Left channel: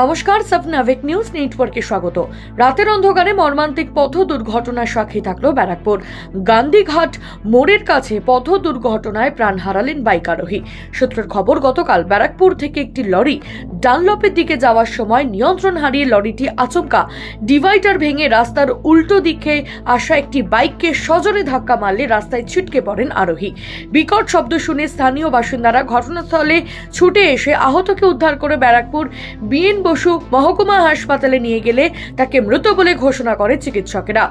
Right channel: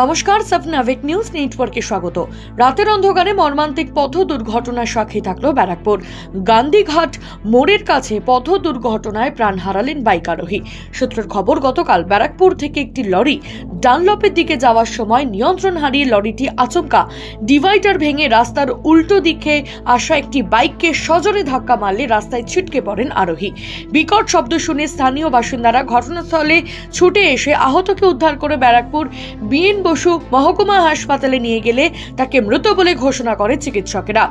নমস্কার, সাবনাভিক নিউজ নেটওয়ার্কে স্বাগত। রাতের অন্ধকারে মর্মান্তিক পথ দুর্ঘটনার সাক্ষী থাকলো ব্যারাকপুর। গান্ধীঘাট মোড়ের কাছে পথ দুর্ঘটনায় প্রাণ হারালেন বাইক আরোহী। সূত্রের খবর, গতকাল ব্যারাকপুর থেকে একটি লরি ডানলপের দিকে যাওয়ার সময় নিয়ন্ত্রণ হারিয়ে লরিটি আচমকা ডিভাইডার ভেঙে রাস্তার উল্টো দিকে আসা একটি বাইককে সজোরে ধাক্কা মারলে রাস্তায় ছিটকে পড়েন আরোহী। বিকট শব্দ শুনে স্থানীয় বাসিন্দারা ঘটনাস্থলে ছুটে এসে আহতকে উদ্ধার করে ব্যারাকপুর বিএন বসু মহকুমা হাসপাতালে নিয়ে গেলে তাকে মৃত বলে ঘোষণা করে চিকিৎসকেরা।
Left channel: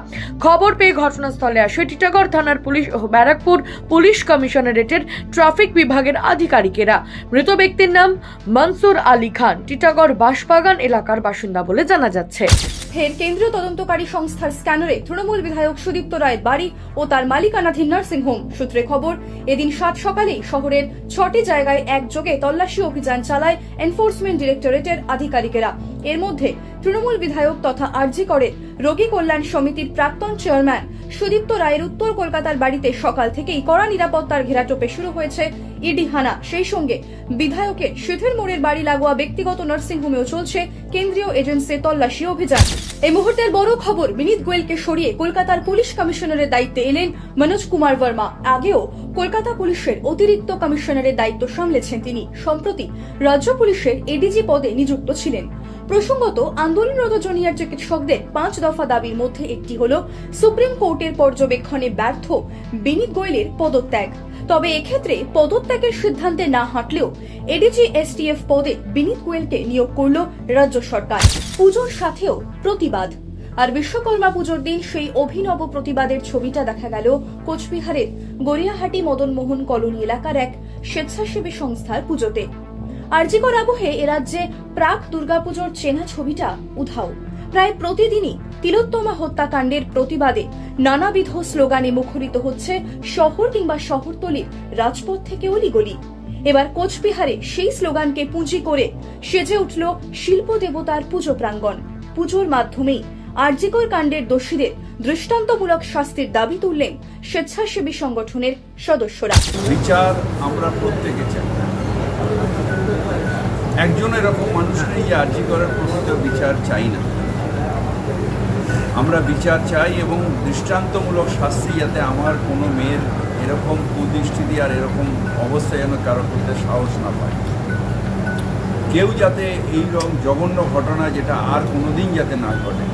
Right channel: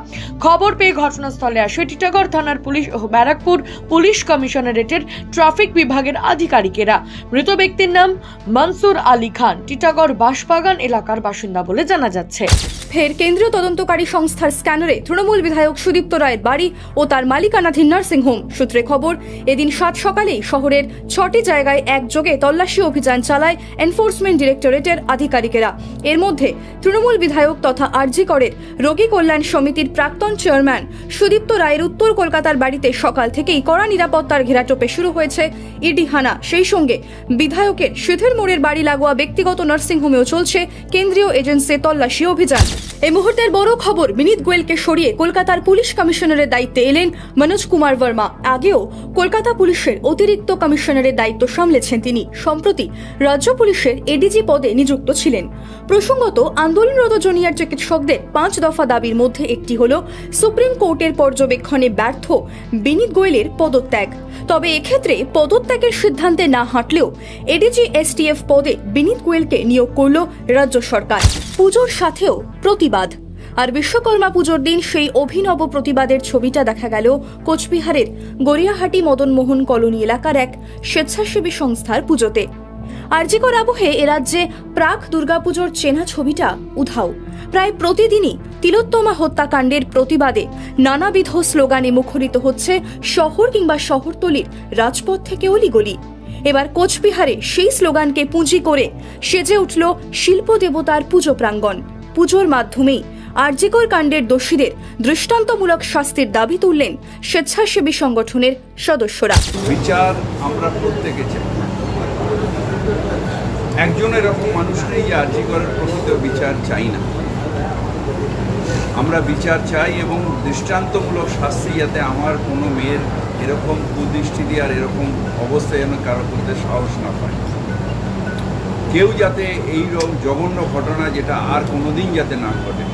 খবর পেয়ে ঘটনাস্থলে আসে টিটাগড় থানার পুলিশ ও ব্যারাকপুর পুলিশ কমিশনারেটের ট্রাফিক বিভাগের আধিকারিকেরা। মৃত ব্যক্তির নাম মনসুর আলী খান, টিটাগড় বাঁশবাগান এলাকার বাসিন্দা বলে জানা যাচ্ছে। ফের কেন্দ্রীয় তদন্তকারী সংস্থার স্ক্যানারে তৃণমূল বিধায়ক সুদীপ্ত রায়ের বাড়ি ও তার মালিকানাধীন নার্সিংহোম। সূত্রে খবর, এদিন 7 সকালেই শহরের 6টি জায়গায় একযোগে তল্লাশি অভিযান চালায় এনফোর্সমেন্ট ডিরেক্টরেটের আধিকারিকেরা। এর মধ্যে তৃণমূল বিধায়ক তথা আরজি করের রোগী কল্যাণ সমিতির প্রাক্তন চেয়ারম্যান সুদীপ্ত রায়ের উত্তর কলকাতার বাড়িতে সকাল থেকেই কড়া নিরাপত্তার ঘেরাটোপে শুরু হয়েছে ইডি হানা। সেই সঙ্গে বিধায়কের সিথের মোড়ের বাড়ি লাগোয়া ব্যক্তিগত নার্সিংহোমেও চলছে কেন্দ্রীয় এজেন্সির তল্লাশি অভিযান। এই মুহূর্তের বড় খবর, বিনীত গোয়েলকে সরিয়ে কলকাতার পুলিশ কমিশনারের দায়িত্বে এলেন মনোজ কুমার বর্মা। আগেও কলকাতা পুলিশের অতিরিক্ত কমিশনারের দায়িত্ব সামলেছেন তিনি। সম্প্রতি রাজ্য পুলিশের এডিজি পদে নিযুক্ত ছিলেন। প্রসঙ্গত, আন্দোলনরত জুনিয়র চিকিৎসকদের 5 দফা দাবির মধ্যে একটি হল সুপ্রিম কোর্টের পর্যবেক্ষণে ব্যর্থ বিনীত গোয়েলের পদত্যাগ। তবে এক্ষেত্রে পদত্যাগের সিদ্ধান্তে না হাঁটলেও এডিজি এসটিএফ পদে বিনীত গোয়েলকে নিয়োগ করল রাজ্য সরকার। পুজোর সাথেও প্রতিবাদ। আর বিশ্বকর্মা পুজোর দিন সেই অভিনব প্রতিবাদের ছবিটা দেখা গেল কোচবিহারের গড়িয়াহাটি মদনমোহন কলোনি এলাকার এক স্বেচ্ছাসেবী সংস্থার পুজোতে। আরজিকর আবহে এ রাজ্যে প্রাক দুর্গাপুজোর চেনা ছবিটা উধাও। প্রায় প্রতিদিনই তিলোত্তমা হত্যাকাণ্ডের প্রতিবাদে নানাবিধ স্লোগানে মুখরিত হচ্ছে শহর কিংবা শহরতলির রাজপথ থেকে অলিগলি। এবার কোচবিহারে সেই স্লোগানকে পুঁজি করে সেজে উঠল শিল্প দেবতার পুজো প্রাঙ্গণ। পুজোর মাধ্যমেই আরজিকর কাণ্ডের দোষীদের দৃষ্টান্তমূলক শাস্তির দাবি তুললেন স্বেচ্ছাসেবী সংগঠনের সদস্যরা। বিচার আমরা প্রত্যেকে চাই। একজন এরকম মানুষ নেই যে আরজিকরের প্রকৃত বিচার চাই না। আমরা বিচার চাই এবং দৃষ্টান্তমূলক শাস্তি, যাতে আমার কোনো মেয়ের এরকম কুদৃষ্টি দিয়ে আর এরকম অবস্থায় যেন কারো করতে সাহস না পায়। কেউ যাতে এইরকম জঘন্য ঘটনা যেটা আর কোনোদিন যাতে না ঘটে,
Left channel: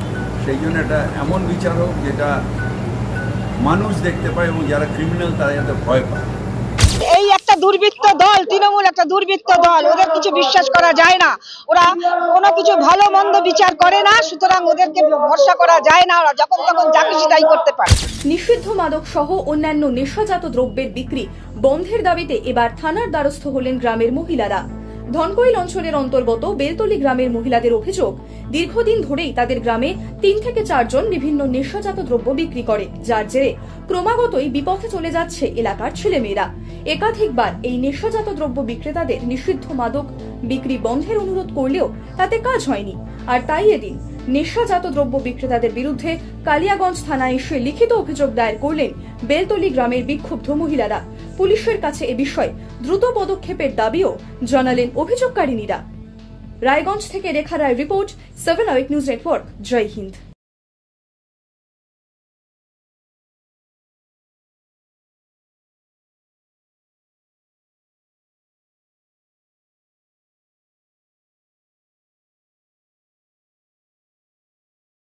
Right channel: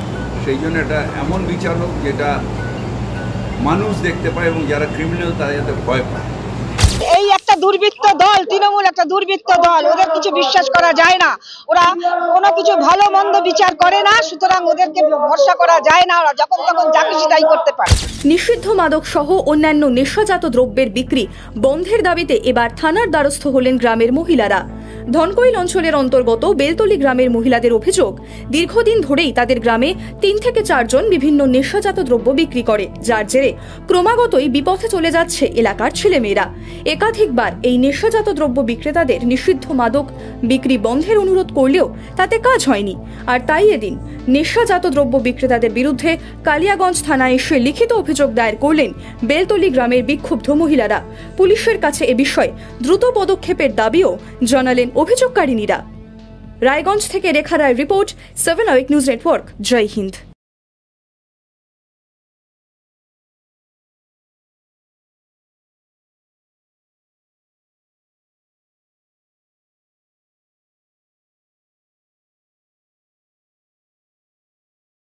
সেই জন্য এটা এমন বিচার হোক যেটা মানুষ দেখতে পায় এবং যারা ক্রিমিনাল তারা যাতে ভয় পায়। এই একটা দুর্বৃত্ত দল, তৃণমূল একটা দুর্বৃত্ত দল, ওদের কিছু বিশ্বাস করা যায় না। ওরা কোনো কিছু ভালো মন্দ বিচার করে না, সুতরাং ওদেরকে ভরসা করা যায় না। ওরা যখন তখন যা খুশি তাই করতে পারে। নিষিদ্ধ মাদক সহ অন্যান্য নেশাজাত দ্রব্যের বিক্রি বন্ধের দাবিতে এবার থানার দ্বারস্থ হলেন গ্রামের মহিলারা। ধনকৈল অঞ্চলের অন্তর্গত বেলতলি গ্রামের মহিলাদের অভিযোগ, দীর্ঘদিন ধরেই তাদের গ্রামে 3 থেকে 4 জন বিভিন্ন নেশাজাত দ্রব্য বিক্রি করে, যার জেরে ক্রমাগতই বিপথে চলে যাচ্ছে এলাকার ছেলেমেয়েরা। একাধিকবার এই নেশাজাত দ্রব্য বিক্রেতাদের নিষিদ্ধ মাদক বিক্রি বন্ধের অনুরোধ করলেও তাতে কাজ হয়নি। আর তাই এদিন নেশাজাত দ্রব্য বিক্রেতাদের বিরুদ্ধে কালিয়াগঞ্জ থানায় এসে লিখিত অভিযোগ দায়ের করলেন বেলতলি গ্রামের বিক্ষুব্ধ মহিলারা। পুলিশের কাছে এ বিষয়ে দ্রুত পদক্ষেপের দাবিও জানালেন অভিযোগকারিনীরা। রায়গঞ্জ থেকে রেখা রায় রিপোর্ট, 7 নিউজ নেটওয়ার্ক। জয় হিন্দ।